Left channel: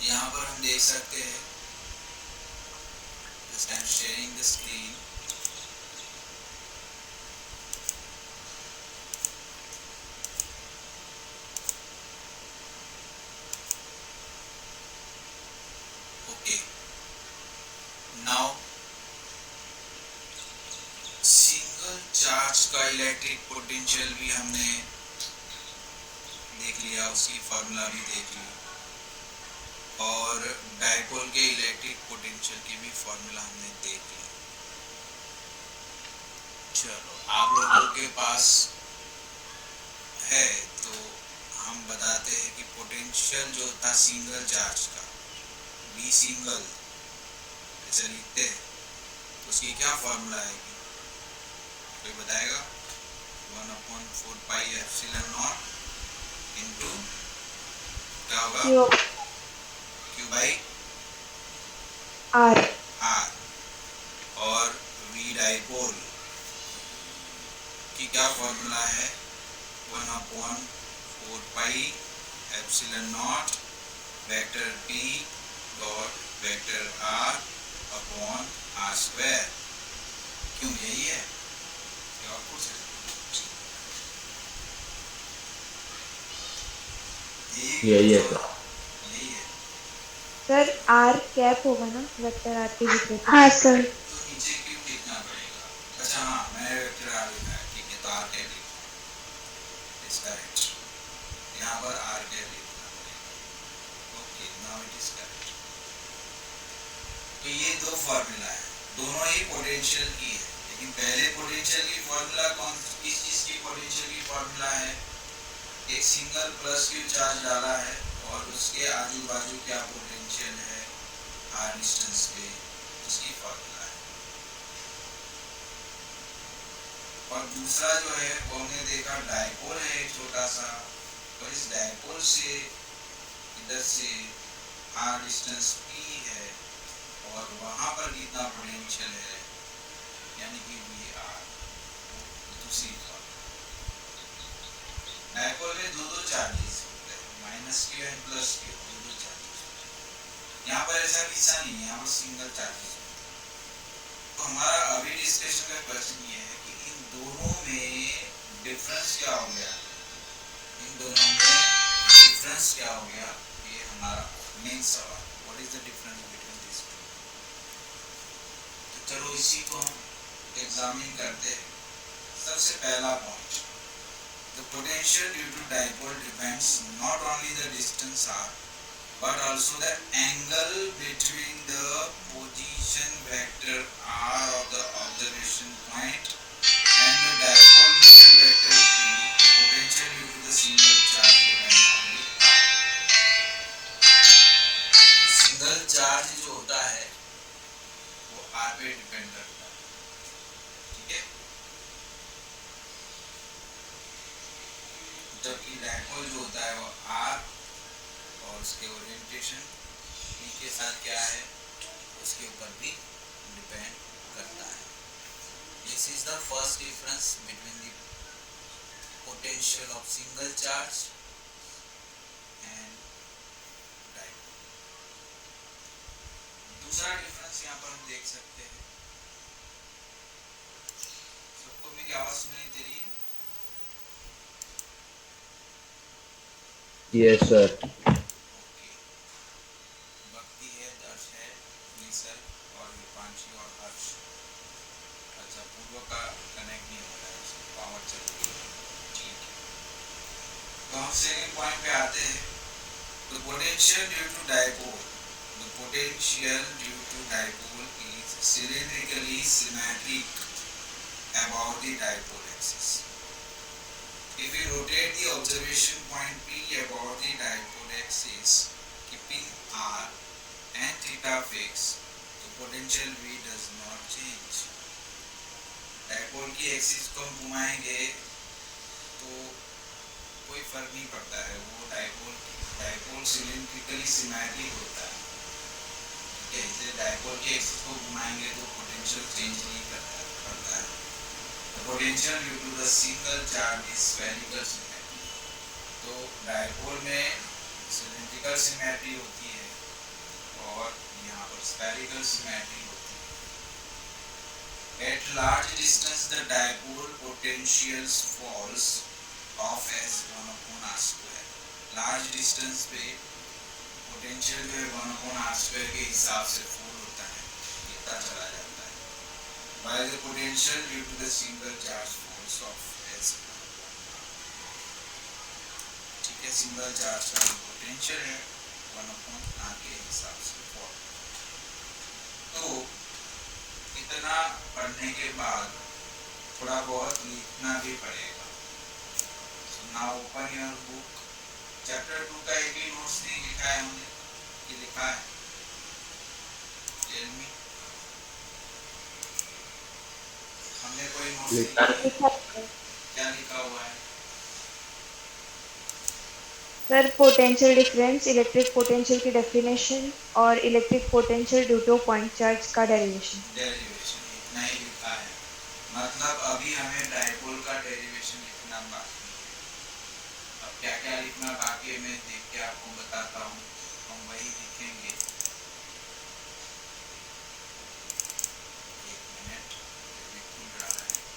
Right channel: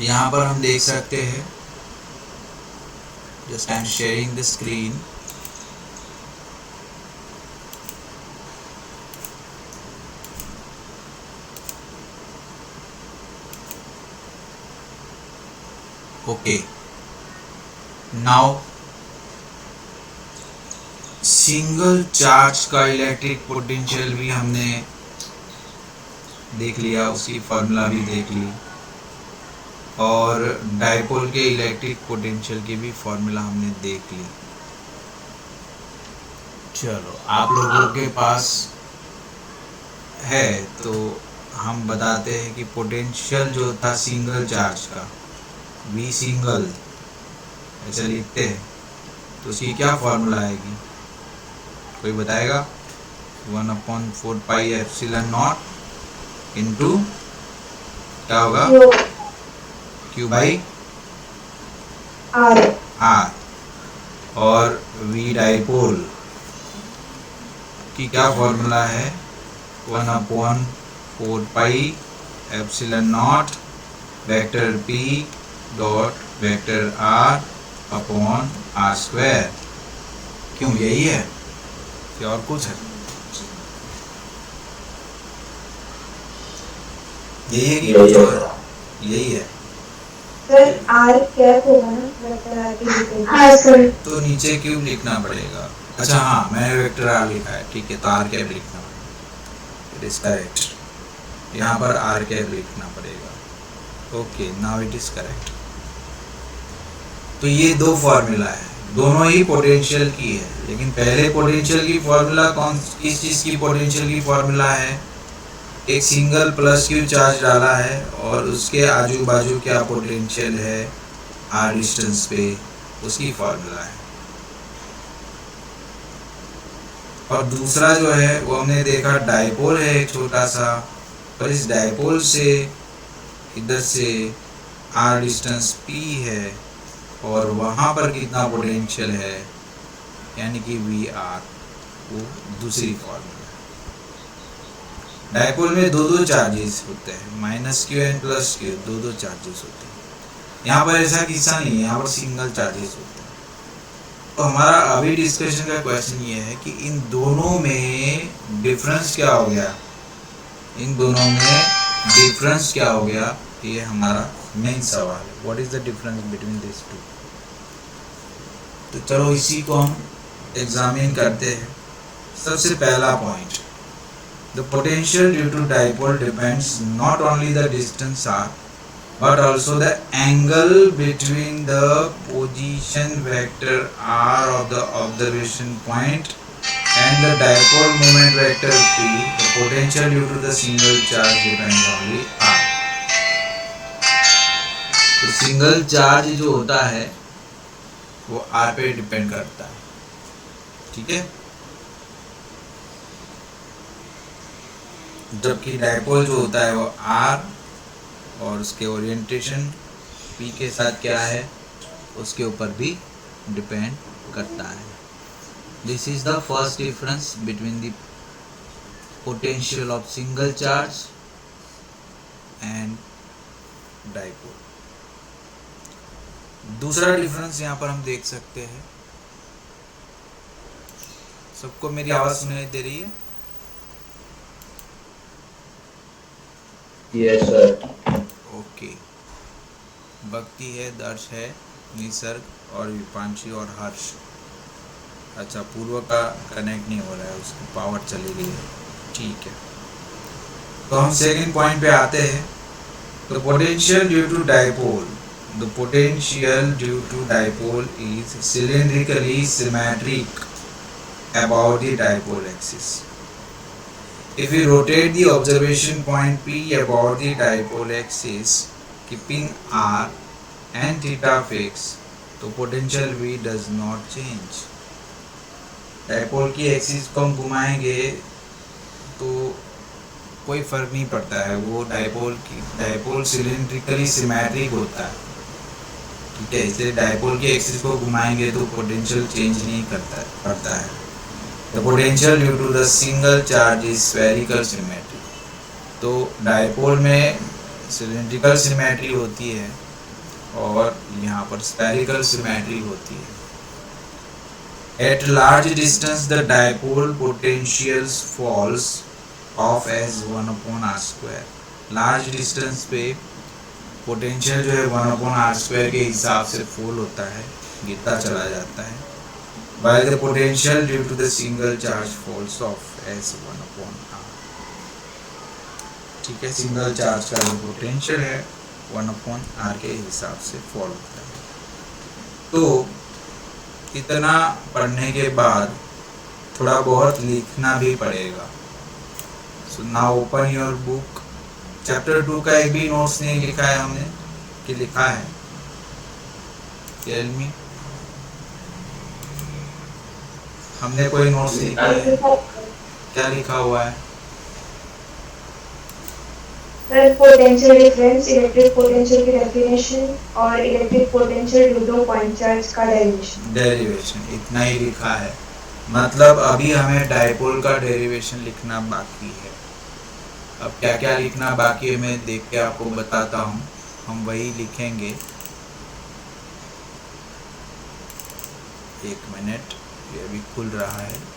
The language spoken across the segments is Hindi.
यहाँ पर हम देख सकते हैं, just I am sharing the screen. Okay, now single charge का इलेक्ट्रिक पोटेंशियल भी हमने देख लिया, उसकी फॉर्मूला भी देख ली, और डायपोल के इलेक्ट्रिक पोटेंशियल की भी फॉर्मूला हमने देख ली। चलो, आप लोगों के पास है तो हम बताते हैं कि पोटेंशियल जो था सिंगल चार्ज का, V सिंगल ऐसे लिखते हैं, तो उसकी क्या फॉर्मूला आएगी, कोई बताएगा? 1/4 पाई एप्सिलॉन नॉट इंटू क्या होगा, Q बाई R, और V डाइपोल की क्या फॉर्मूला है, 1/4 pi epsilon not vector P dot vector R upon R square. क्यों, यही है या और कुछ है? यही है कि कुछ और? यही है सर। आर कैप होगा ना वेक्टर आर के नीचे? हाँ सर। तो नीचे क्यूब लिखना पड़ेगा। अच्छा हाँ, मैंने वेक्टर आर लिखा है, ठीक है, तो आर कैप लिखना पड़ेगा। इट इज करेक्ट, यहाँ पर आर कैप लिखना पड़ेगा। Okay, now it is correct. तो ये दो फॉर्मूला है, दोनों ही पोटेंशियल की है, लेकिन पहले पोटेंशियल की फॉर्मूला किस चीज़ की पोटेंशियल की फॉर्मूला है? एक सिंगल प्लस क्यू चार्ज डाला है और उसके आजू बाजू क्या पोटेंशियल है आर डिस्टेंस पे, उसकी फॉर्मूला है। और दूसरा जो है वो हमने देखा डाइपोल है एक छोटा सा, और इस डाइपोल से इधर से आर डिस्टेंस P है, और वहाँ पर कितना पोटेंशियल है यानी कि VR, वो दूसरी फॉर्मूला। डाइपोल में दो चार्जेस होते हैं, -Q एंड +Q, दो चार्जेस होते हैं। यहाँ पर ऐसा किस्सा नहीं है, यहाँ पर सिंगल चार्जेस होते हैं। तो हमारा अभी डिस्कशन का क्वेश्चन ये है कि इन दोनों में डिफरेंस क्या हो गया, इन दोनों में डिफरेंस क्या हो गया, ये हमारा मेन सवाल है। What is the difference between this two? तो चलो इसी को हम एग्जामिन करते हैं। सबसे पहला point, the potential due to dipole depends not only the distance r but also the angle between the position vector r of the observation point and the dipole moment vector p. The potential due to the single charge depends only r. तो सिंगल चार्ज जो होता है वो r पे डिपेंड करता है, ठीक है, जबकि डाइपोल जो होता है वो R और उसके ओरिएंटेशन P के साथ क्या है उसके ऊपर भी डिपेंड करता है। This is the first difference between the potential of single charge and dipole. दूसरा डिफरेंस यहाँ पर हम देख सकते हैं। सबको मेरी आवाज सुनाई दे रही है? Yes sir. ओके। भक्ति है, दर्श है, निसर्ग और विपांशी और हर्ष। अच्छा, पूर्व का कनेक्ट नहीं हो रहा है, उसकी पावर चली गई है, ठीक है। तो हम सेकंड पॉइंट पे आते हैं। The potential due to dipole, the potential due to dipole is cylindrically symmetric about the dipole axis. If we rotate the observation point P about the dipole axis, keeping R and theta fixed, तो potential V does not change. Dipole की एक्सिस को हम घुमाएंगे तो कोई फर्क नहीं पड़ता है, वो डाइपोल सिलिंड्रिकली सिमेट्रिक होता है, ठीक है, इसलिए डाइपोल की एक्सिस को घुमाएंगे तो पोटेंशियल चेंज नहीं पड़ता है। The potential due to the single charge is spherical symmetry. तो डाइपोल में सिलिंड्रिकल सिमेट्री होती है और यहाँ पर स्फेरिकल सिमेट्री होती है। At large distance the dipole potentials falls off as 1 upon r square। Large distance पे पोटेंशियल जो है 1 अपॉन आर स्क्वायर के हिसाब से फॉल होता है, गिरता चला जाता है। while the potential due to the single charge falls off as 1 upon r। ठीक है, सिंगल चार्ज का जो पोटेंशियल है 1 अपॉन आर के हिसाब से फॉल होता है। तो इतना पढ़ने के बाद थोड़ा बहुत लिखना भी पड़ेगा। So now open your book. Chapter 2 का एक भी नोट्स नहीं लिखा है हमने कि लिखा है? Tell me. हमने कोई नोट्स लिखा है? क्या लिखा हुआ है? Sir potential difference, electric potential की डेफिनेशन और electric potential due to point charge का डेरिवेशन इतना ही लिखा है। मतलब अभी हमें डायपोल का डेरिवेशन लिखना बाकी है। अब क्या क्या लिखना बाकी है मैं देख के आपको बताता हूँ, हम वही लिखेंगे। एक मिनट, ये अभी खुल रहा है।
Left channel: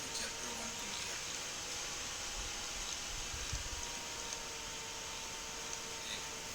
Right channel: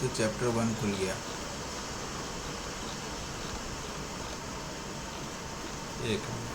तो चैप्टर 1 खुल गया। एक मिनट।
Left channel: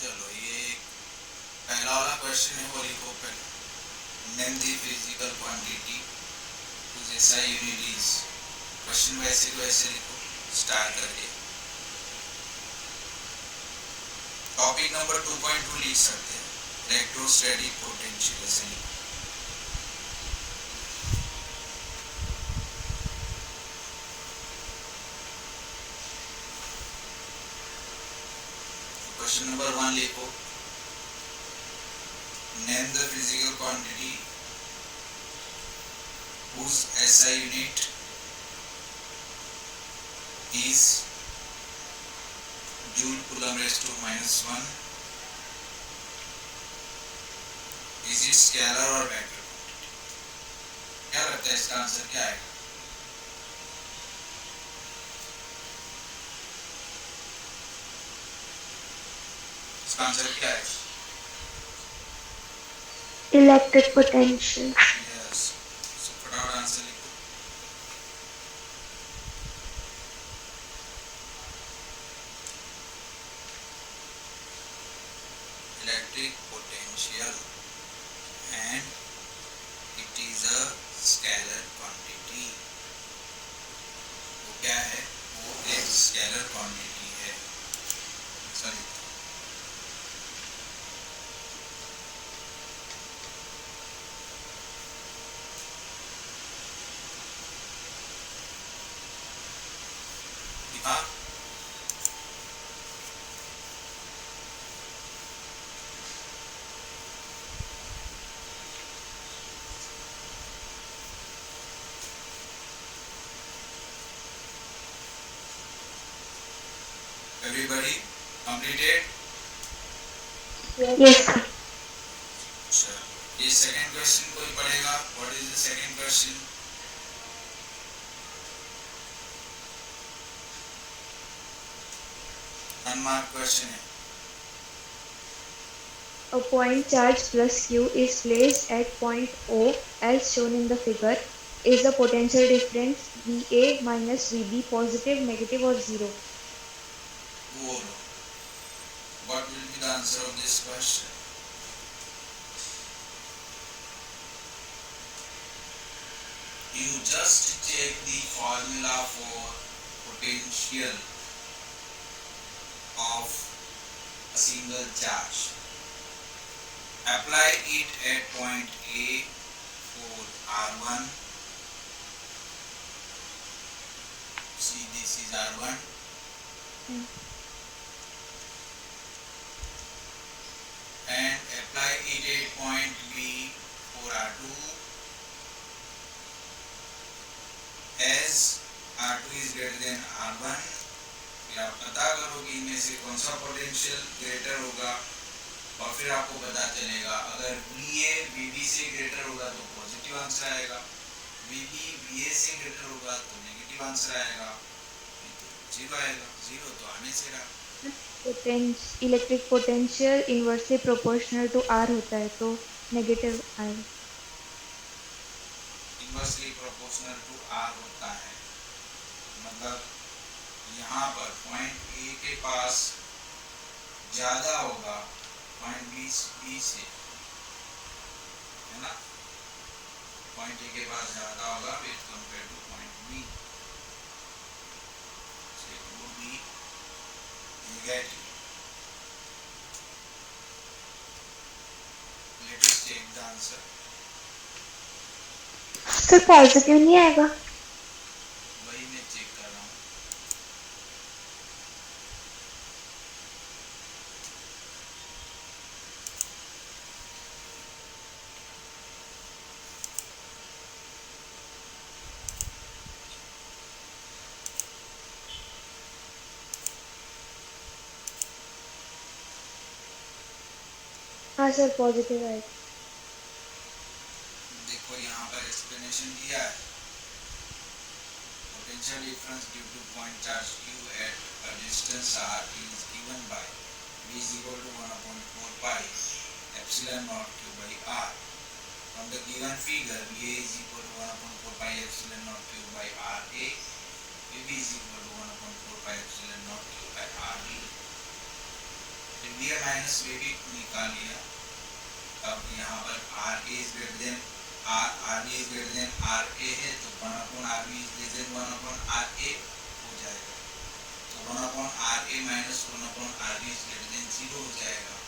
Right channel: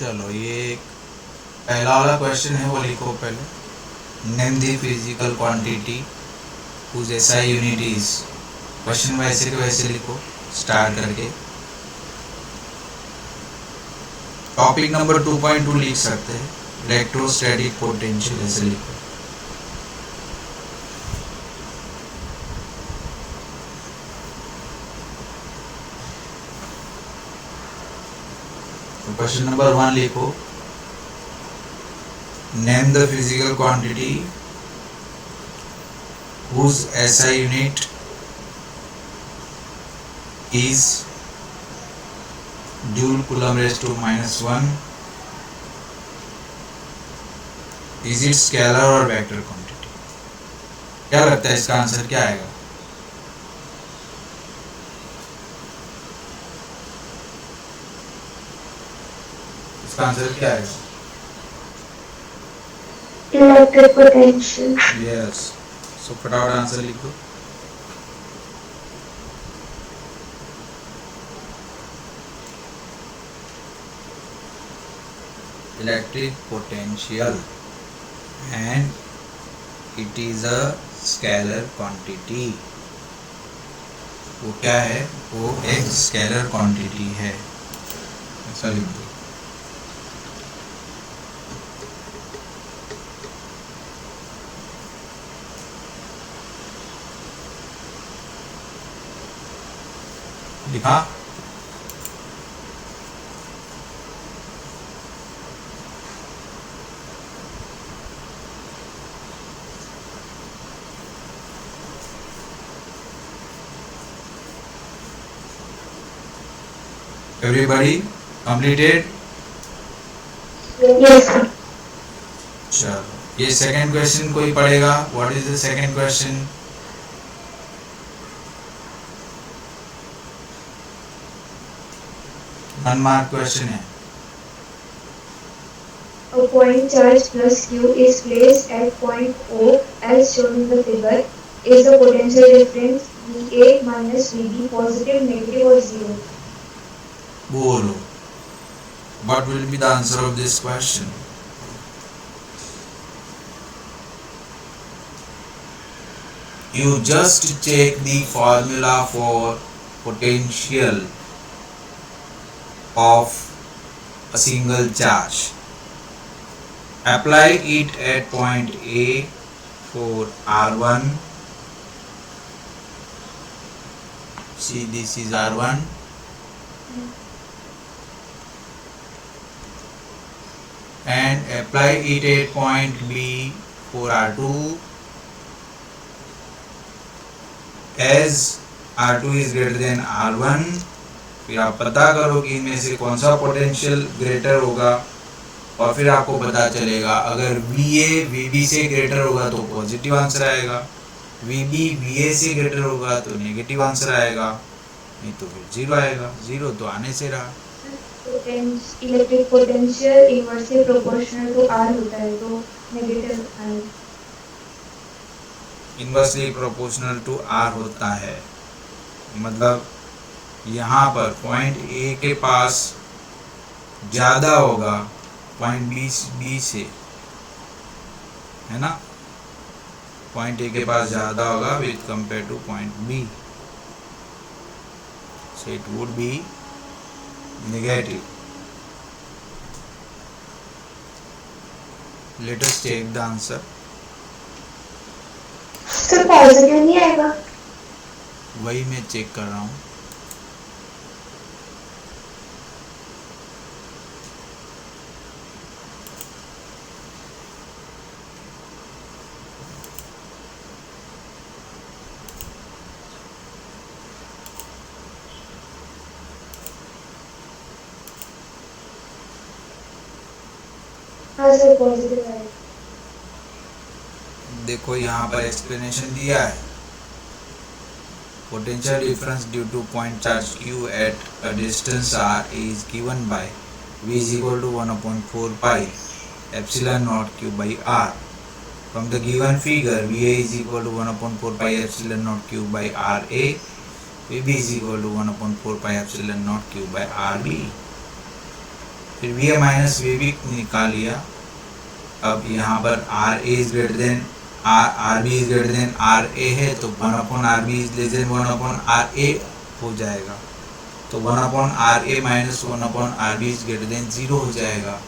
चलो ये पहला वाला क्वेश्चन है, वो लिखो पहले। Name the physical quantity whose SI unit is. Question वैसे के वैसे लिखो स्टार्ट करके। टॉपिक नंबर 2.2 लिख सकते हैं, इलेक्ट्रोस्टैटिक पोटेंशियल, ऐसे लिखो। क्वेश्चन नंबर 1 लिखो, name the physical quantity whose SI unit is joule coulomb raised to -1। is it scalar और वेक्टर क्वांटिटी? क्या लगता है इसका आंसर क्या आएगा? इसका आंसर क्या आएगा? Electric potential. यस, सो फटाफट आंसर लिख दो। electric potential and it is a scalar quantity. वो क्या है? वो एक स्केलर क्वांटिटी है, ऐसा लिख दो। लिखा? Everybody completed? Yes, sir. चलो, ये सेकंड क्वेश्चन कोई पढ़ेगा? What is the second question? One mark question है। A point charge plus Q is placed at point O as shown in the figure. Is the potential difference VA minus VB positive, negative or zero? बोलो, what will be the answer of this question? You just check the formula for potential of a single charge. Apply it at point A for R1. See, this is R1. And apply it at point B for R2. As R2 is greater than R1, फिर आप पता करो कि इनमें से कौन सा पोटेंशियल ग्रेटर होगा, और फिर आपको पता चलेगा अगर VA VB से ग्रेटर होगा तो पॉजिटिव आंसर आएगा, VB VA से ग्रेटर होगा तो नेगेटिव आंसर आएगा, नहीं तो फिर जीरो आएगा। जीरो तो आने से रहा। Electric potential inversely proportional to R होता है, तो नेगेटिव आएगा। इनवर्सली प्रोपोर्शनल टू R होता है, मतलब यहाँ पर पॉइंट A के पास ज़्यादा होगा पॉइंट B से, है ना? पॉइंट A के पास ज़्यादा होगा with compare two point B, so it would be negative. Let us check the answer. Sir positive नहीं आएगा? वही मैं चेक कर रहा हूँ। हाँ सर पॉजिटिव आएगा। देखो यहाँ पर एक्सप्लेनेशन दिया है, potential difference due to point charge Q at a distance r is given by V is equal to 1/4 pi epsilon naught Q by r. From the given figure, VA is equal to 1/4 pi epsilon naught Q by RA, VB is equal to 1/4 pi epsilon naught Q by RB. फिर VA माइनस VB निकाल लिया। अब यहाँ पर RA is greater than RB is greater than RA है, तो 1/RB is less than 1/RA हो जाएगा, तो 1/RA minus 1/RB is greater than 0 हो जाएगा,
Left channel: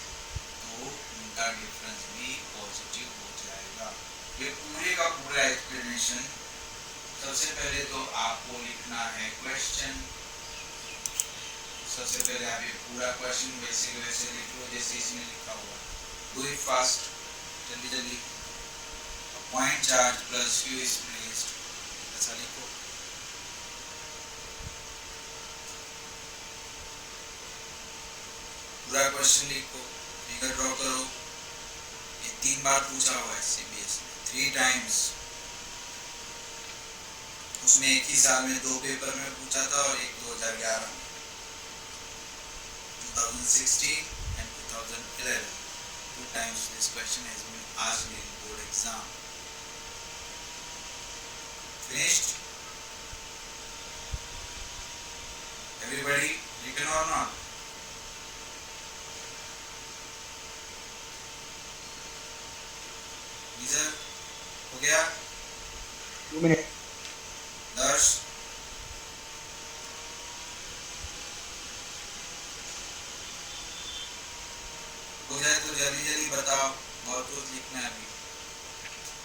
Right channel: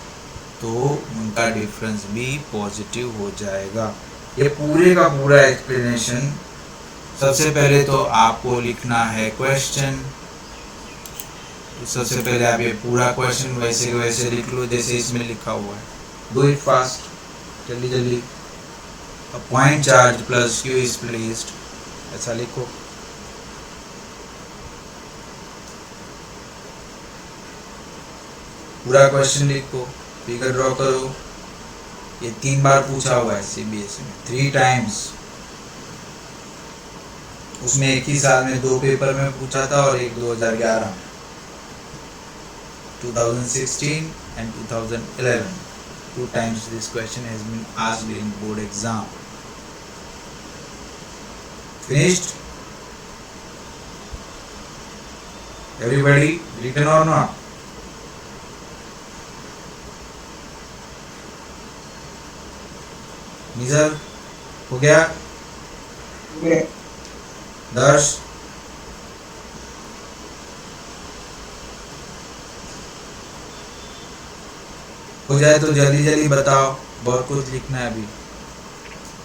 तो उनका डिफरेंस भी पॉजिटिव हो जाएगा। ये पूरे का पूरा एक्सप्लेनेशन। सबसे पहले तो आपको लिखना है क्वेश्चन। सबसे पहले आप ये पूरा क्वेश्चन वैसे के वैसे लिख लो जैसे इसमें लिखा हुआ है। डू इट फास्ट, जल्दी जल्दी। A point charge plus Q is placed, ऐसा लिखो। पूरा क्वेश्चन लिखो, फिगर ड्रॉ करो। ये 3 बार पूछा हुआ है CBSE में, 3 टाइम्स। उसमें एक ही साल में 2 पेपर में पूछा था और एक 2011 में, 2016 and 2011. 2 times this question has been asked in board exam. Finished? Everybody written or not? Nisarga हो गया? 2 मिनट। दर्श हो जाए तो जल्दी जल्दी बताओ, बहुत कुछ लिखना है अभी।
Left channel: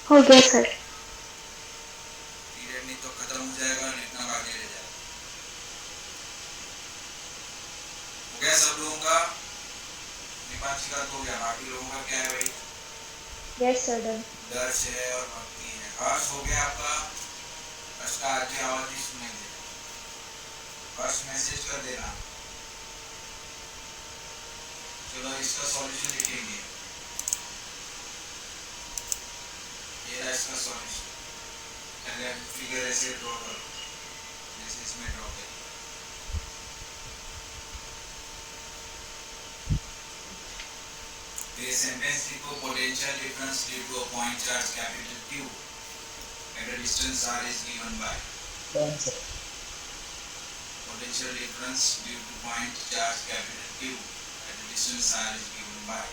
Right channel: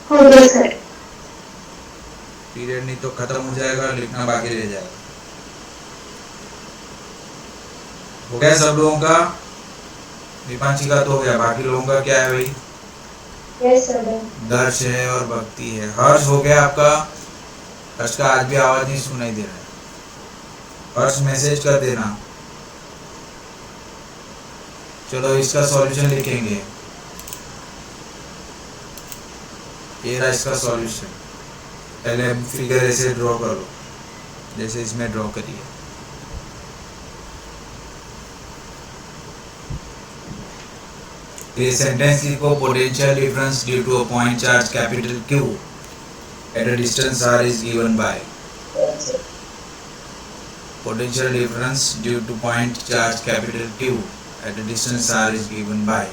हो गया सर। पीरियड नहीं तो खत्म हो जाएगा, लिखना बाकी रह जाएगा। हो गया सब लोगों का? विपांशी का तो हो गया, बाकी लोगों का क्या है भाई? Yes sir. दर्श है और भक्ति है। हर्ष हो गया आपका? हर्ष का आज भी आवाज नहीं सुनाई दे रहा। हर्ष मैसेज कर देना। चलो इसका सॉल्यूशन लिखेंगे। ये रहा इसका सॉल्यूशन। पहले फिगर ऐसे ड्रॉ करो जैसे इसमें ड्रॉ करिए। ये सेंटेंस लिखो, potential difference due to a point charge capital Q at a distance r is given by। Potential difference due to point charge capital Q at a distance r is given by,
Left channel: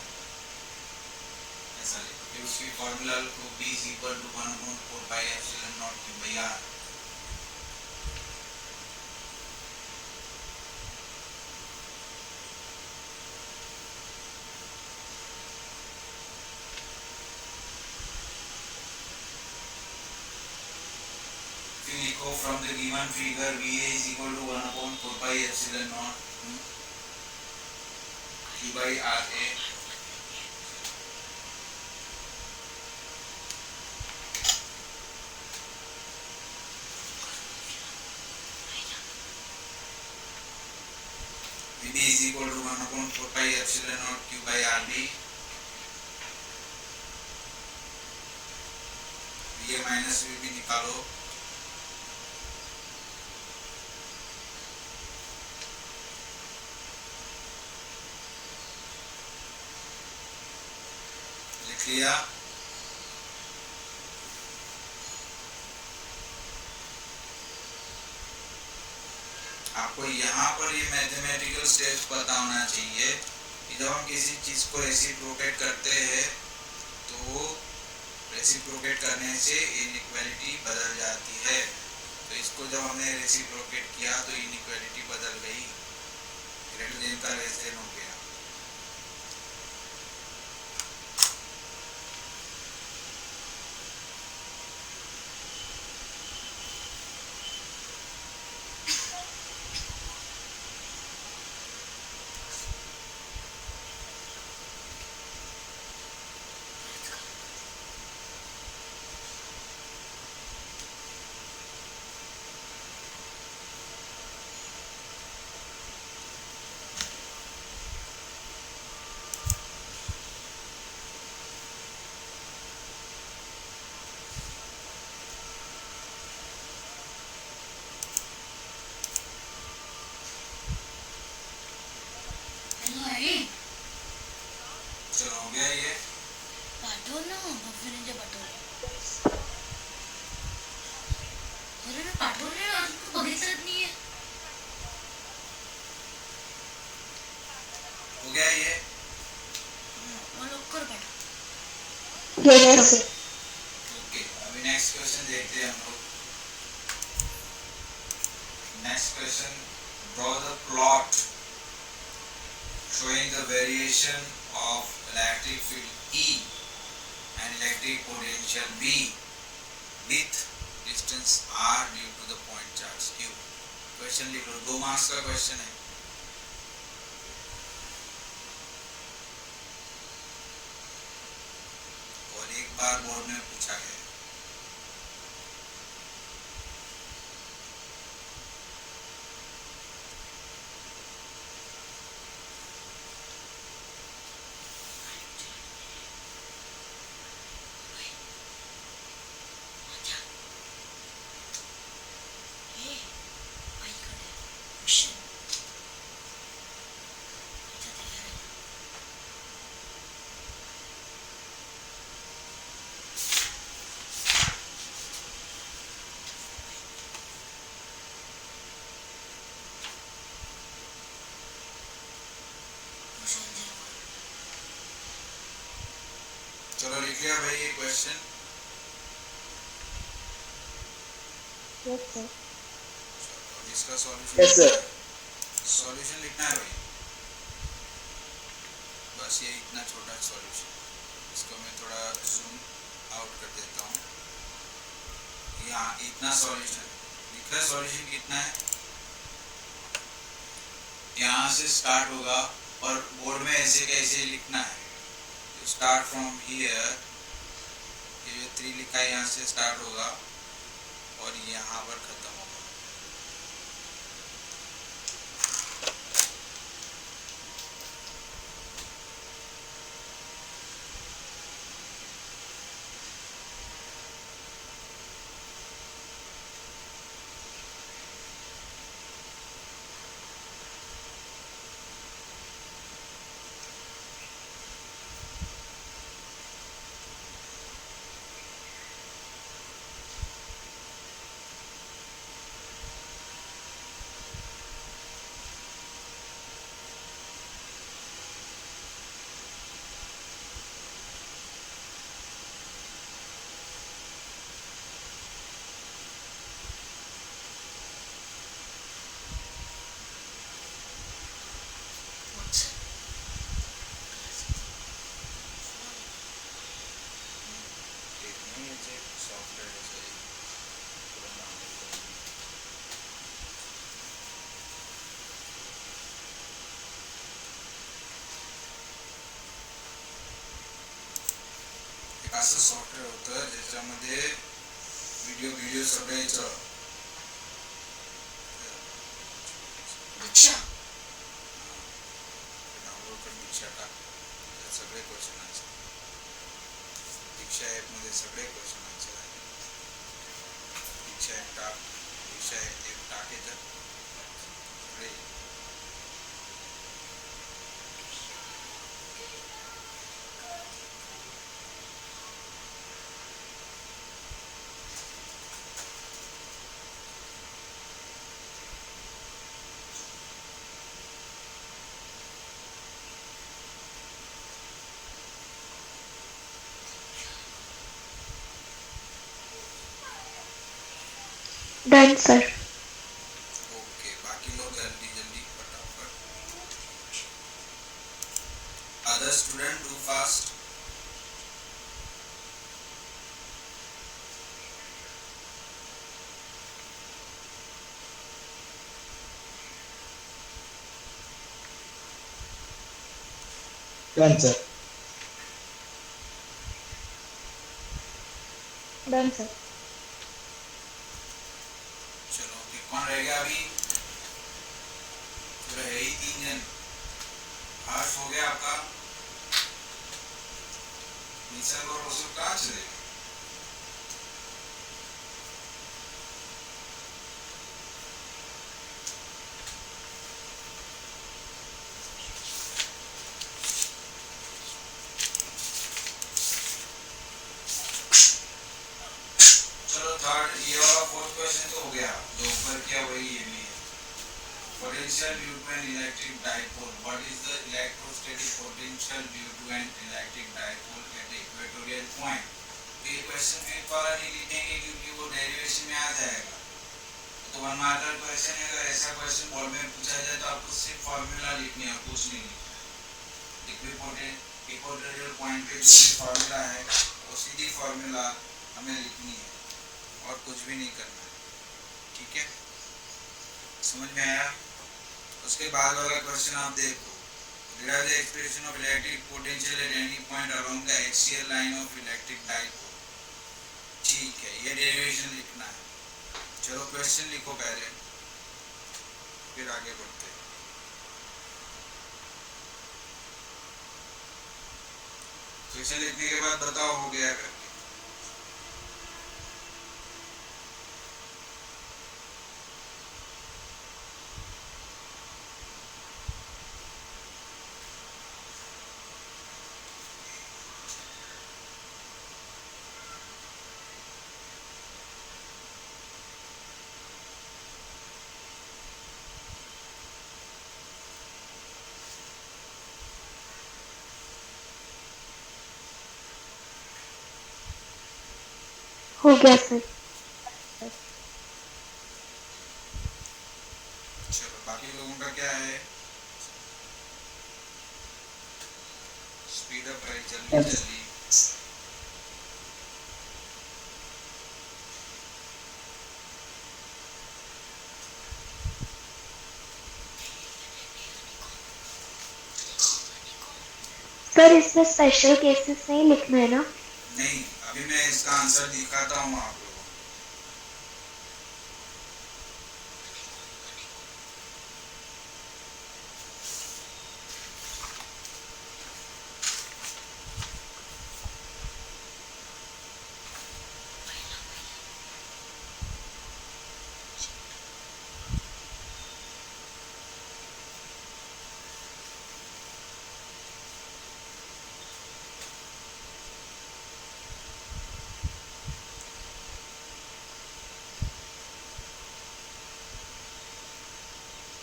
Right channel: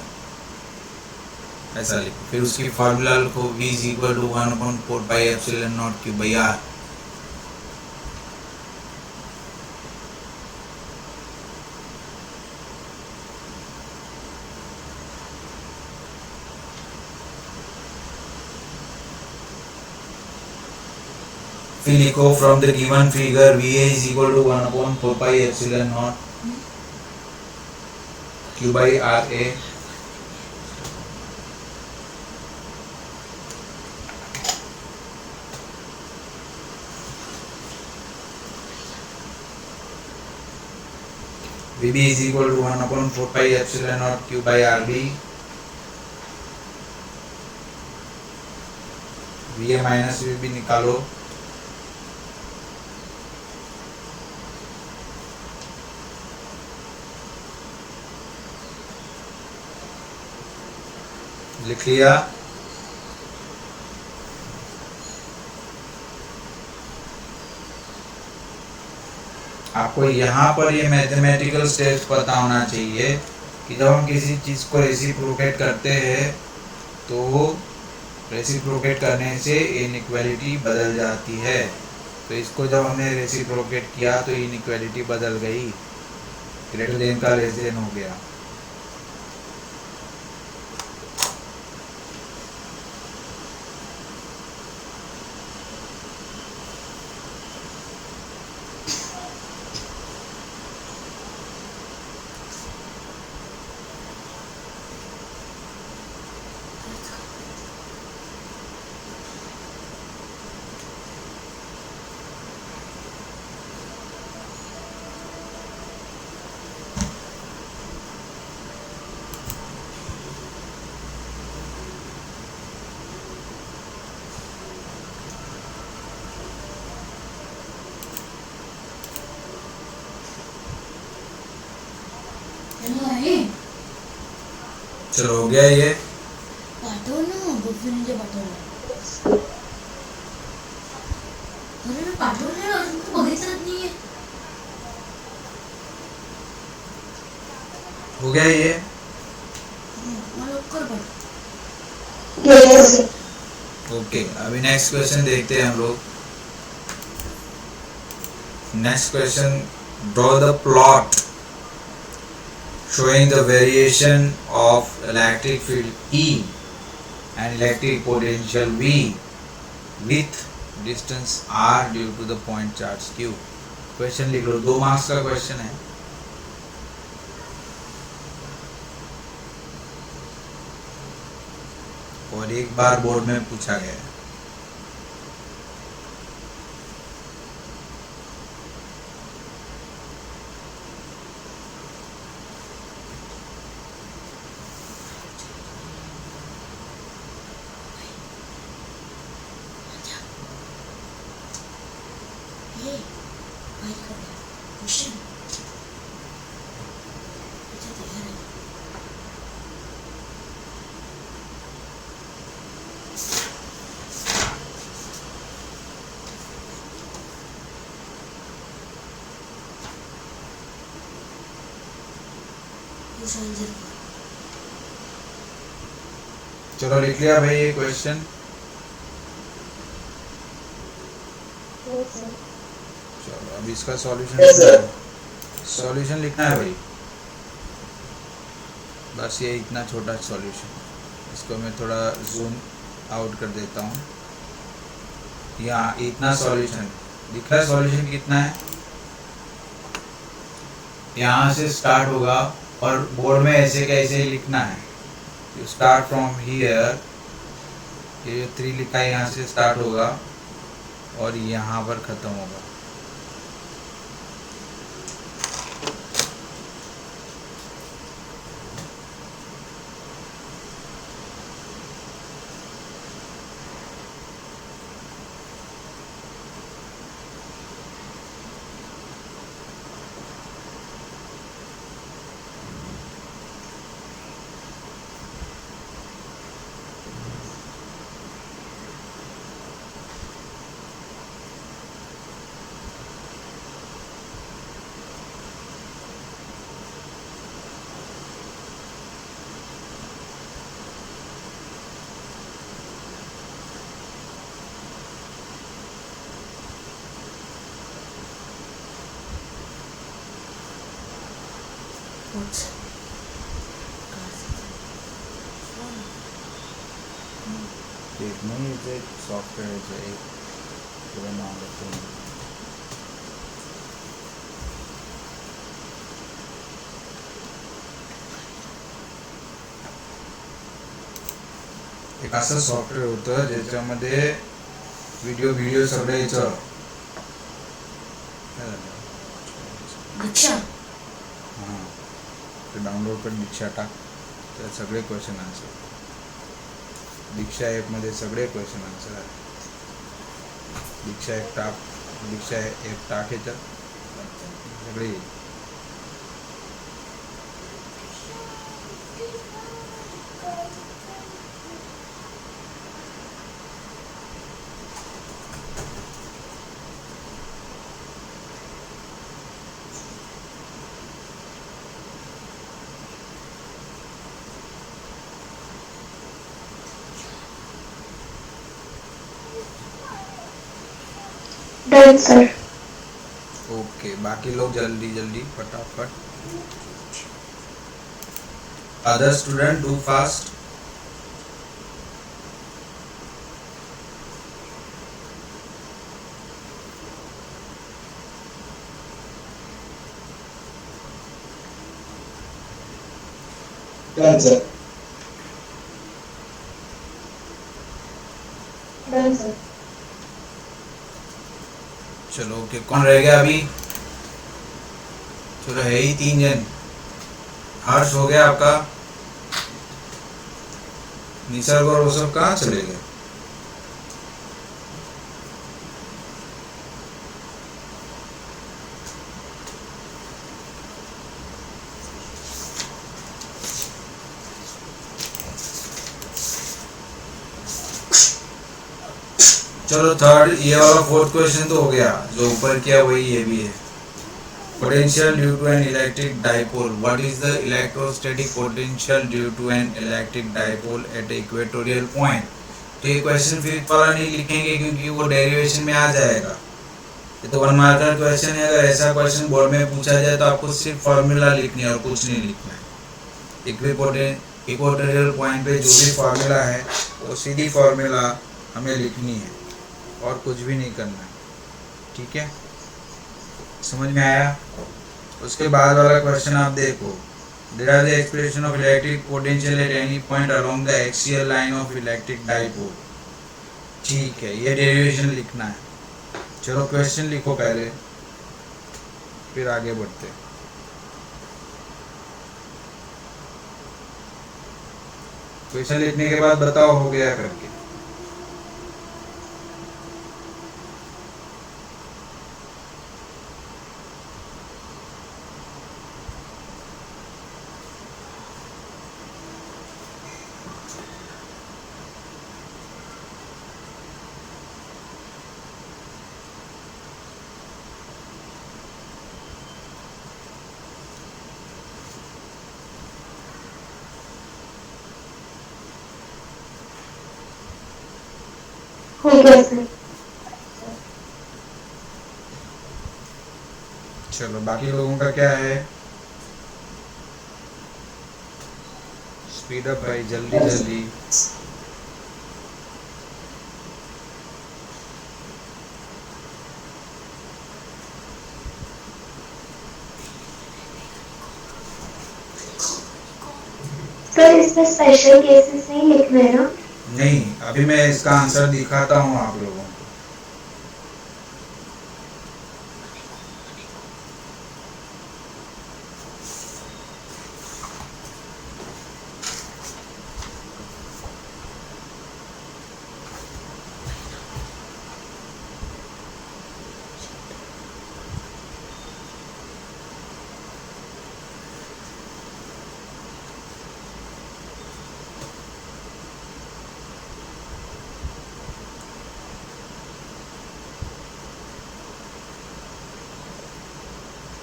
ऐसा लिखो। फिर उसकी फार्मूला लिखो, V is equal to 1/4 pi epsilon naught Q by R। फिर लिखो from the given figure VA is equal to 1/4 pi epsilon naught Q by RA। VB is equal to 1/4 pi epsilon naught Q by RB। VA minus VB निकालो। लिख लिया? आपको यहाँ पर ये मैथमेटिकल स्टेप्स पता होना चाहिए कि जब हम किसी चीज़ को रेसिप्रोकेट करते हैं तो रेसिप्रोकेट करने से इनइक्वालिटी बदल जाती है। तो इसको जब हमने रेसिप्रोकेट किया तो इनइक्वालिटी बदल गई, ग्रेटर देन का लेस देन हो गया। चलो हो गया ये? पाठव ना बफिनीचे पाठवलं. अरे मी पाठवले अजून तू बघितलंच नाहीये. हो गया ये? मला लवकर पाठव. यस। ओके, अभी नेक्स्ट क्वेश्चन देखते हैं हम लोग। Next question, draw the plot showing the variation of electric field E and electric potential V with distance R due to the point charge Q। Question लिख लो, 2 मार्क्स का क्वेश्चन है। और एक बार बोर्ड में पूछा गया है। हे माहित करे क्वेश्चन याच्यात आहे. क्वेश्चन 0. चलो लिख लिया भाई ये क्वेश्चन। Yes, sir. चलो अब इसका सॉल्यूशन Yes, sir. सॉल्यूशन लिखना है भाई, बस ये इतना छोटा सॉल्यूशन। इसको मैं थोड़ा जूम आउट कर देता हूँ। यहाँ इतना सॉल्यूशन दिख रहा है। सॉल्यूशन कितना है, यहाँ से स्टार्ट होगा और बोर्ड में ऐसे कैसे लिखना है, यू स्टार्ट फ्रॉम हियर, ये जो 3 लिखा है यहाँ से स्टार्ट होगा और यहाँ पर ख़त्म होगा। What's एक नहीं, ये जो एक सॉफ्टवेयर है जो एक पूरा नाम लेते हैं। एक असं सॉफ्टवेअर होतं ज्याच्यामध्ये व्हिडिओ सगळे याचं काय झालं? दीक्षा हां, ते डाउनलोड कर, दीक्षा टाक, तर सगळे क्वेश्चन आन्सर दीक्षा ॲपमध्ये सगळे क्वेश्चन आन्सर आहे। दीक्षा ॲप टाक याच्यात सगळे येईल। Done, sir. ओके, बाकी लोग जल्दी जल्दी फटाफट। Other student do fast. Done, sir. Done, sir. चलो ओके, कौन रह गया अभी? चलो है ही 3 जन। हर्ष हो गया आपका, निसर्ग और वो सब कहाँ चले गए? चलो थर्ड, ये वाला 4th क्वेश्चन तो हो गया, जो ऊपर किया वही ये भी है। Potential due to an electric dipole, what is the electrostatic potential due to an electric dipole at equatorial point. तो ये क्वेश्चन फिर वाला नहीं लिखेंगे क्योंकि वो डेरिवेशन में आ जाएगा। ये तो 1 मार्कर क्वेश्चन है। अगर ऐसा क्वेश्चन बोर्ड में पूछा जाए तो आपको सिर्फ फॉर्मूला लिखनी है और कुछ नहीं लिखना है। इक्वेटोरियल पॉइंट पे जो भी फॉर्मूला है वो सीधी फॉर्मूला हमें लिखनी है और कुछ भी नहीं करना है, ठीक है? समझ में आया? उसके बाद वाला क्वेश्चन आप देखो, derive the expression of electric potential eight any point along the axial line of electric dipole. ठीक है, ये डेरिवेशन लिखना है। चलो क्वेश्चन लिखो पहले, फिर आगे बढ़ते हैं। क्वेश्चन लिखने के बाद बताओ हो गया करके। हो गया सर। चलो बाकी लोगों का क्या है? स्पीड अप भाई, जल्दी Done, sir. जल्दी। सर इसमें स्पेशल केसेस नहीं लिखना है ना? नहीं, अभी मैं इसका आंसर दिखाता हूँ आप लोगों को।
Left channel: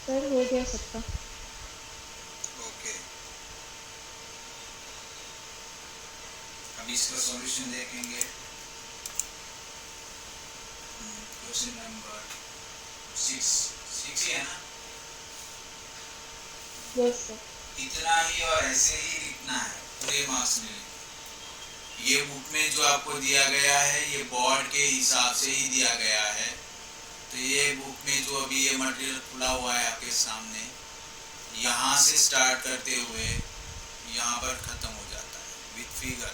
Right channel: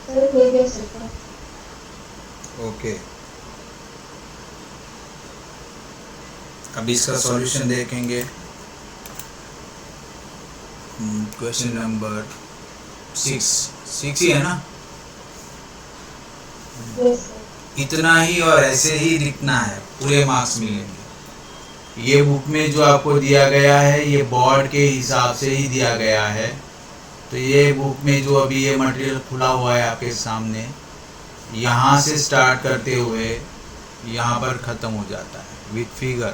सर हो गया सर का। ओके, अभी इसका सॉल्यूशन देखेंगे। क्वेश्चन नंबर 6 ही है ना? Yes sir. इतना ही और ऐसे ही लिखना है, पूरे मार्क्स मिलेंगे। ये बुक में जो आपको दिया गया है ये बोर्ड के हिसाब से ही दिया गया है। तो ये बुक में जो अभी ये मटेरियल खुला हुआ है आपके सामने, यहाँ से स्टार्ट करते हुए यहाँ पर ख़त्म हो जाता है विथ फिगर।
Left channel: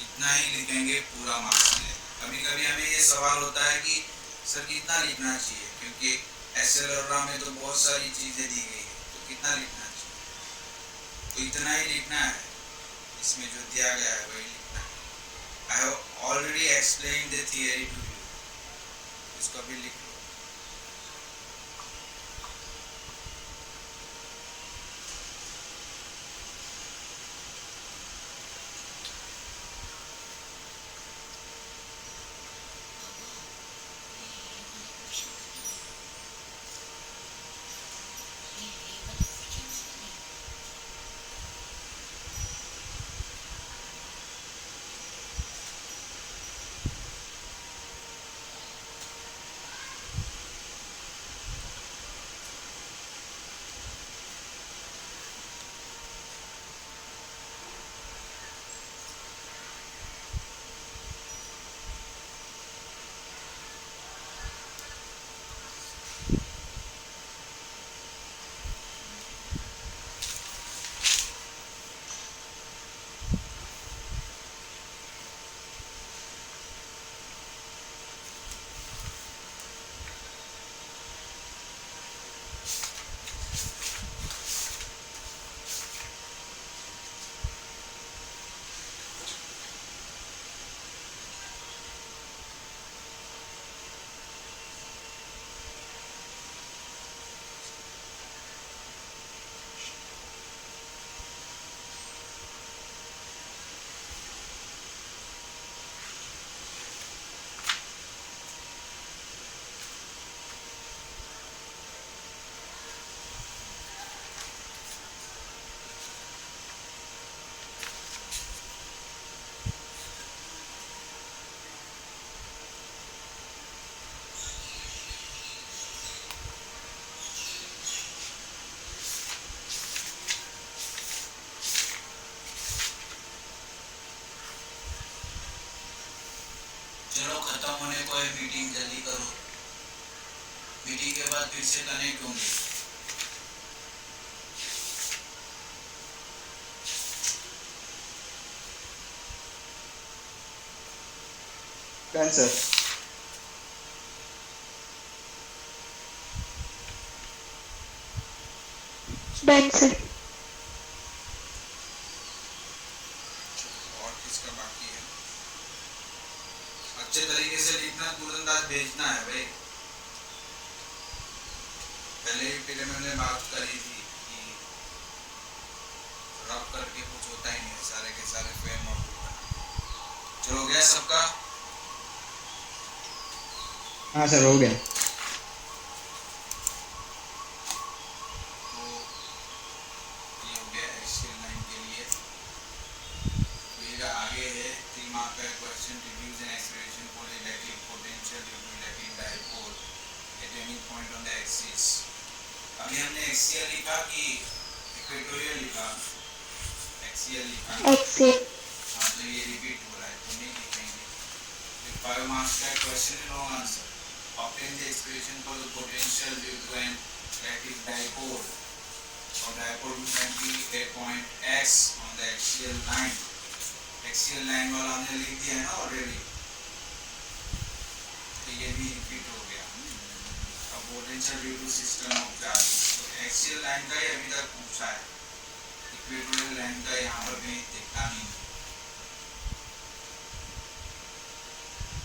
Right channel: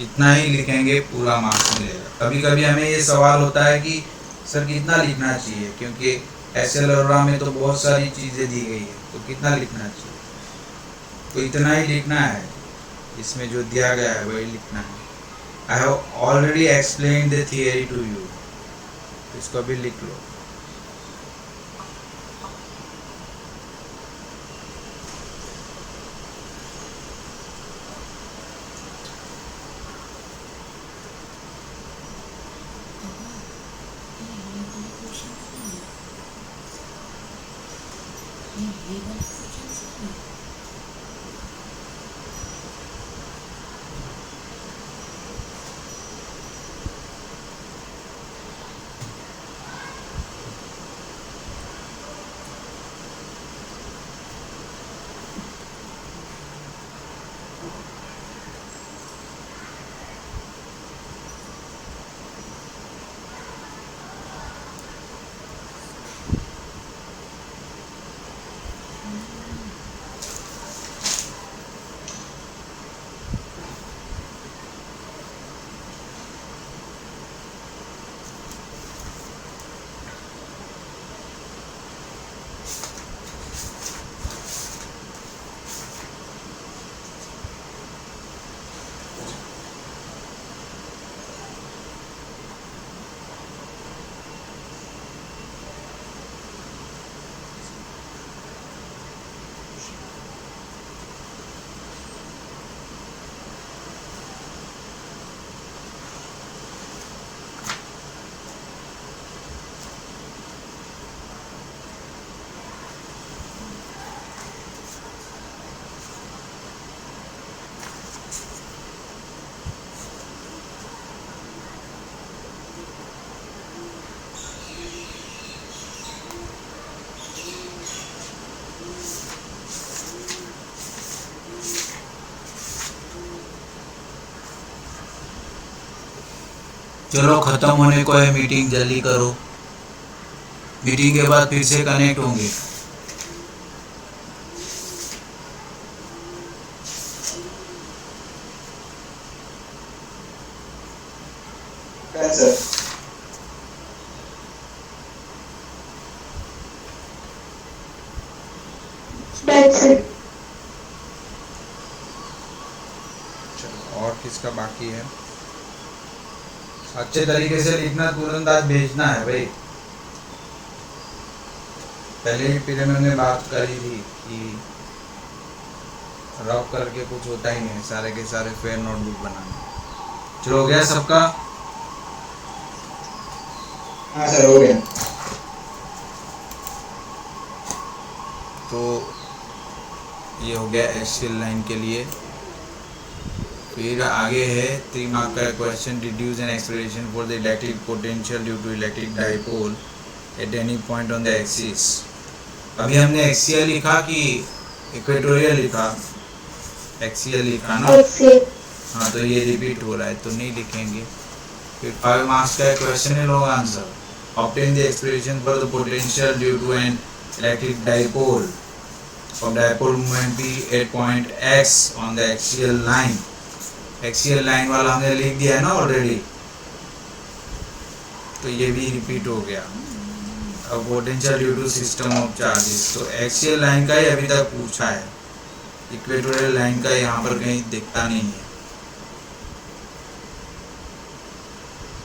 इतना ही लिखेंगे, पूरा मार्क्स मिलेगा। कभी कभी हमें ये सवाल होता है कि सर कितना लिखना चाहिए, क्योंकि एसएल और में तो बहुत सारी चीज़ें दी गई है, तो कितना लिखना चाहिए? तो इतना ही लिखना है, इसमें जो दिया गया है वही लिखना है। I have already explain the theory to you, इसको भी लिख लो। चलो ख़त्म होने को है मीटिंग, जल्दी करो। मीटिंग के बाद फिर से कनेक्ट होंगे। Done, sir. Done sir. चलो, और किसका बाकी है? अच्छे तरीके से लिखना, तुरंत आज भेजना है भाई। पहले ही पीरियड में हमने बात करी थी कि रफ करके कुछ होता ही नहीं, सारे के सारे फेयर नोटबुक बनाना। चलो हो गया सबका? हाँ सर, हो गया। तो ये हो गया एक्सियल लाइन के लिए। फिर आगे है 3 मार्क का question, deduce an expression for the electric potential due to electric dipole at any point on the axis. अभी हमने एक्सियल लिखा कि इक्वेटोरियल लिखा? एक्सियल लिखा ना? एक्सेल। हाँ, तो ये रिपीट हो रहा है तो नहीं लिखेंगे। फिर 5 मार्क्स का क्वेश्चन है, long answer. Obtain the expression for the potential due to an electric dipole of dipole moment P at point X on the axial line। Axial line वाला हमने लिख दिया है ना ऑलरेडी, तो ये भी रिपीट हो गया। अब potential due to system of charges, तो एक्सियल लाइन का ही अभी तक पूछा है, इक्वेटोरियल लाइन का यहाँ पर कहीं दिखता नहीं है।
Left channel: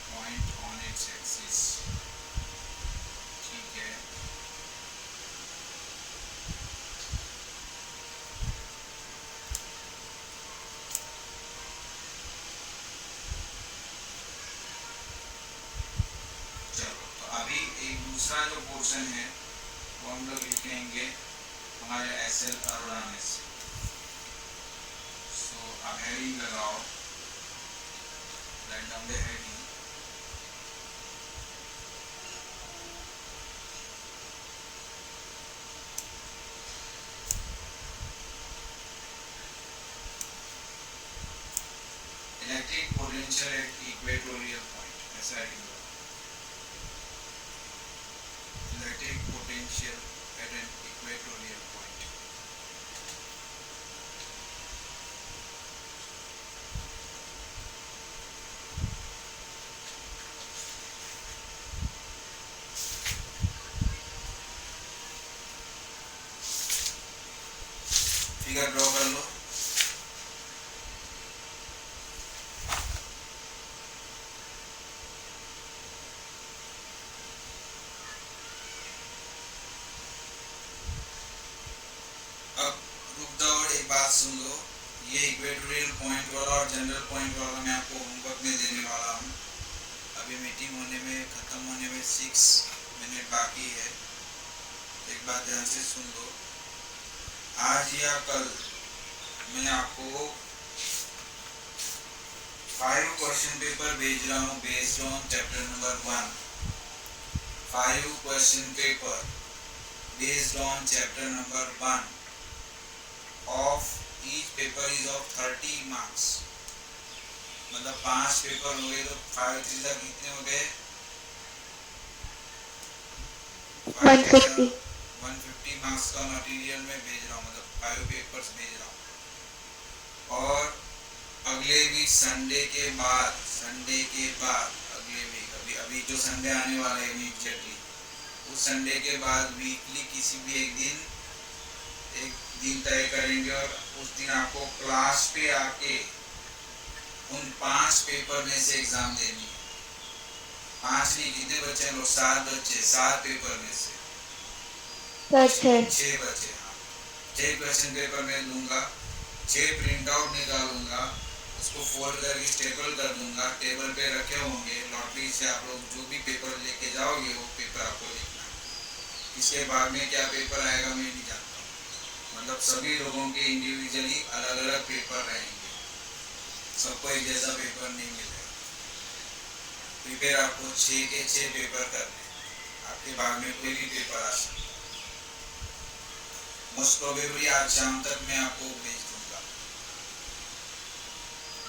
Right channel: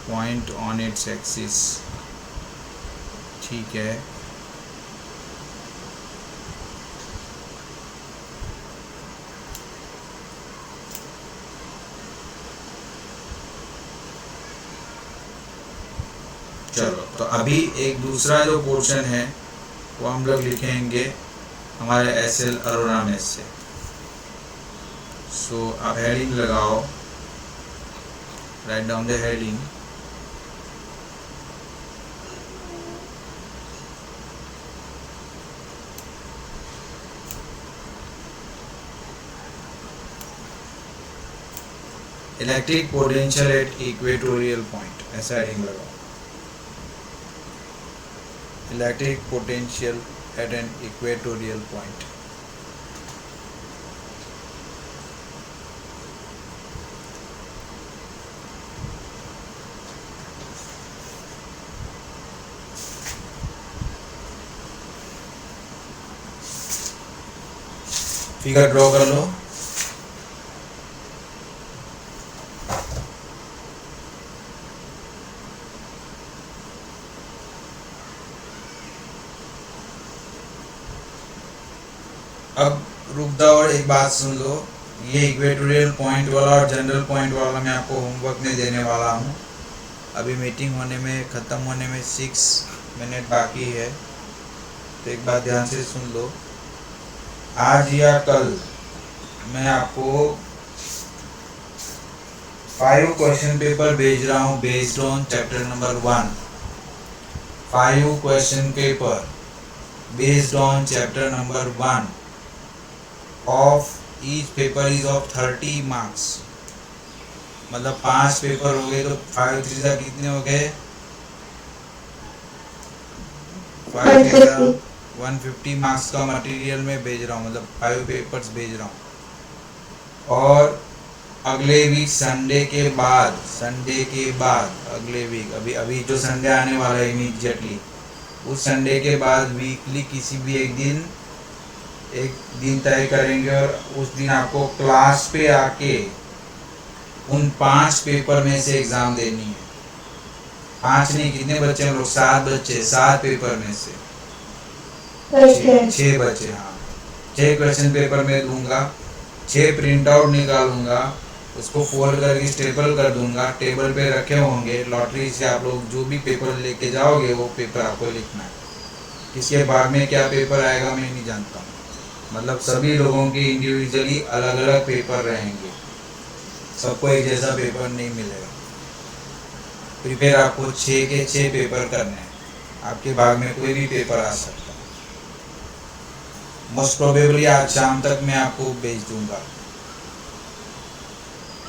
पॉइंट ऑन इट्स एक्सिस, ठीक है। चलो, तो अभी एक दूसरा जो पोर्शन है वो हम लोग लिखेंगे हमारे एसएल अरोरा में से। सो अब हेडिंग लगाओ, right down the heading. Electric potential at equatorial point, ऐसा हेडिंग लगाओ। Electric potential at an equatorial point. Figure draw कर लो। अब रुक जाओ और एक बात सुन लो, ये इक्वेटोरियल पॉइंट वाला और जनरल पॉइंट वाला मैं आपको होमवर्क में देने वाला हूँ। अभी मीटिंग होने में, ख़त्म होने में 6 मिनट बाकी है, तो एक बात ध्यान से सुन लो। आज या कल मैं आपको 5 क्वेश्चन पेपर भेज रहा हूँ based on chapter number 1। 5 question paper based on chapter number 1 of each paper is of 30 marks. मतलब 5 पेपर हो गए तो 5 3 जा कितने हो गए? 150 मार्क्स का मटेरियल में भेज रहा हूँ, मतलब 5 पेपर्स भेज रहा हूँ। और अगले वीक संडे के बाद अगले वीक, अभी जो संडे आने वाला है इमीडिएटली, उस संडे के बाद वीकली किसी भी एक दिन तय करेंगे और उस दिन आपको क्लास पे आके उन 5 पेपर में से एग्जाम देनी है। 5 नहीं, कितने बच्चे हम लोग? 7 बच्चे, 7 पेपर में से 6 बच्चे। हाँ, 6 क्वेश्चन पेपर में दूंगा, 6 प्रिंट आउट निकालूंगा, उसको फोल्ड करके स्टेपल कर दूंगा, टेबल पे रखे होंगे। लॉटरी से आप लोग जो भी पेपर लेके जाओगे वो पेपर आपको लिखना है। किसके बाद में क्या पेपर आएगा मैं नहीं जानता हूँ, मतलब सभी लोगों के इंडिविजुअली अलग अलग पेपर रहेंगे, सबको एक जैसा पेपर नहीं मिलेगा। प्रिपेयर आपको 6 के 6 पेपर करने हैं, आपके भाग में कोई भी पेपर आ सकता है। मोस्ट प्रोबेबली आज शाम तक मैं आपको भेज दूंगा।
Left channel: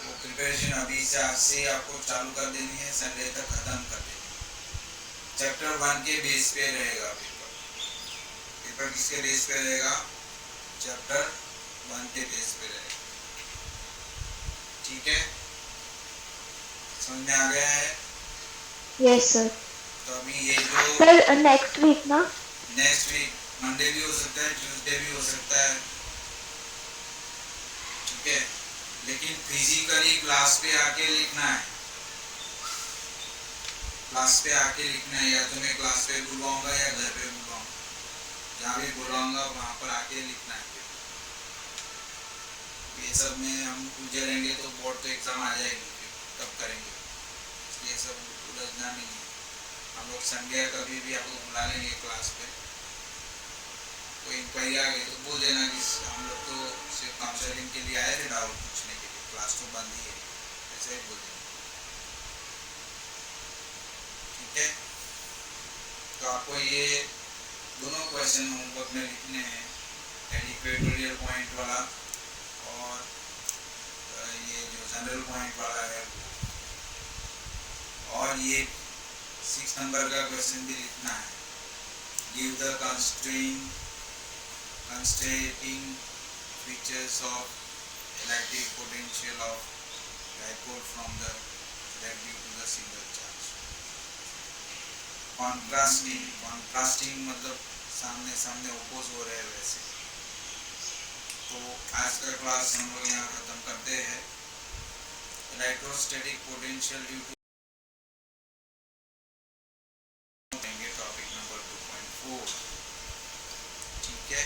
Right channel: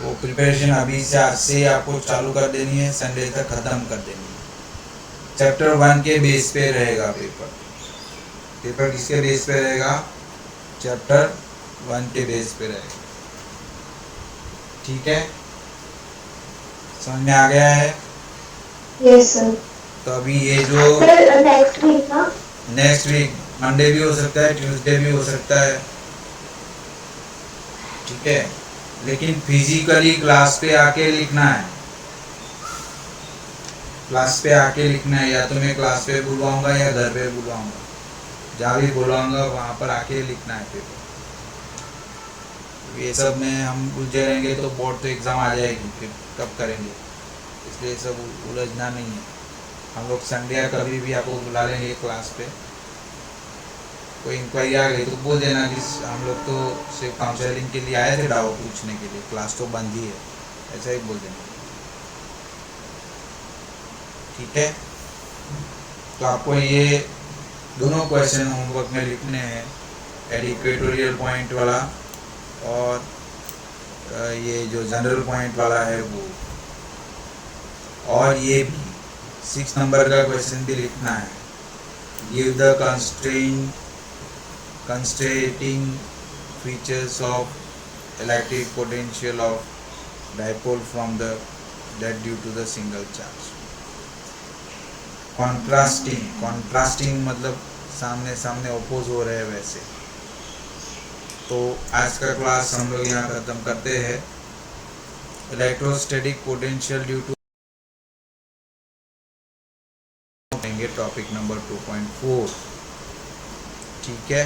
वो प्रिपरेशन अभी से, आज से आपको चालू कर देनी है, संडे तक खत्म कर देनी है। चैप्टर 1 के बेस पे रहेगा पेपर किसके बेस पे रहेगा? चैप्टर 1 के बेस पे रहेगा। ठीक है, समझ में आ गया है? Yes sir. तो अभी ये जो सर नेक्स्ट वीक मंडे भी हो सकता है, ट्यूसडे भी हो सकता है, ठीक है, लेकिन फिजिकली क्लास पे आके लिखना है। क्लास पे आके लिखना है, या तो मैं क्लास पे बुलवाऊंगा या घर पे बुलवाऊंगा, जहाँ भी बुलाऊंगा वहाँ पर आके लिखना है पेपर। ये सब में हम उलझे रहेंगे तो बोर्ड तो एग्ज़ाम आ जाएगी, फिर कब करेंगे, इसलिए सब उलझना नहीं है। हम लोग संडे या कभी भी आपको बुला लेंगे क्लास पे, कोई इंक्वायरी आ गई तो बोल देना कि हम लोग तो सिर्फ काउंसलिंग के लिए आए थे, डाउट पूछने के लिए, क्लास तो बंद ही है, ऐसा ही बोल देना। ठीक है, तो आपको ये दोनों क्वेश्चन होमवर्क में लिखने हैं, एडिक्वेटोरियल पॉइंट वाला और ये जो जनरल पॉइंट वाला है वो, और ये 6 नंबर का क्वेश्चन भी लिखना है। Give the constrainting features of electric potential of dipole from the that due to the single charge। Contrasting मतलब सामने सामने ओपोज हो रहे हैं वैसे। तो आज का क्लास हम लोग यहाँ खत्म करते हैं। Electrostatic potential due to topic number 2.4। ठीक है,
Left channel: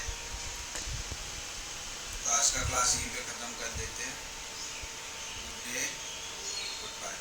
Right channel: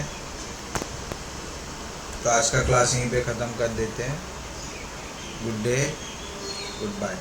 तो आज का क्लास यहीं पे ख़त्म कर देते हैं। Good day, good bye.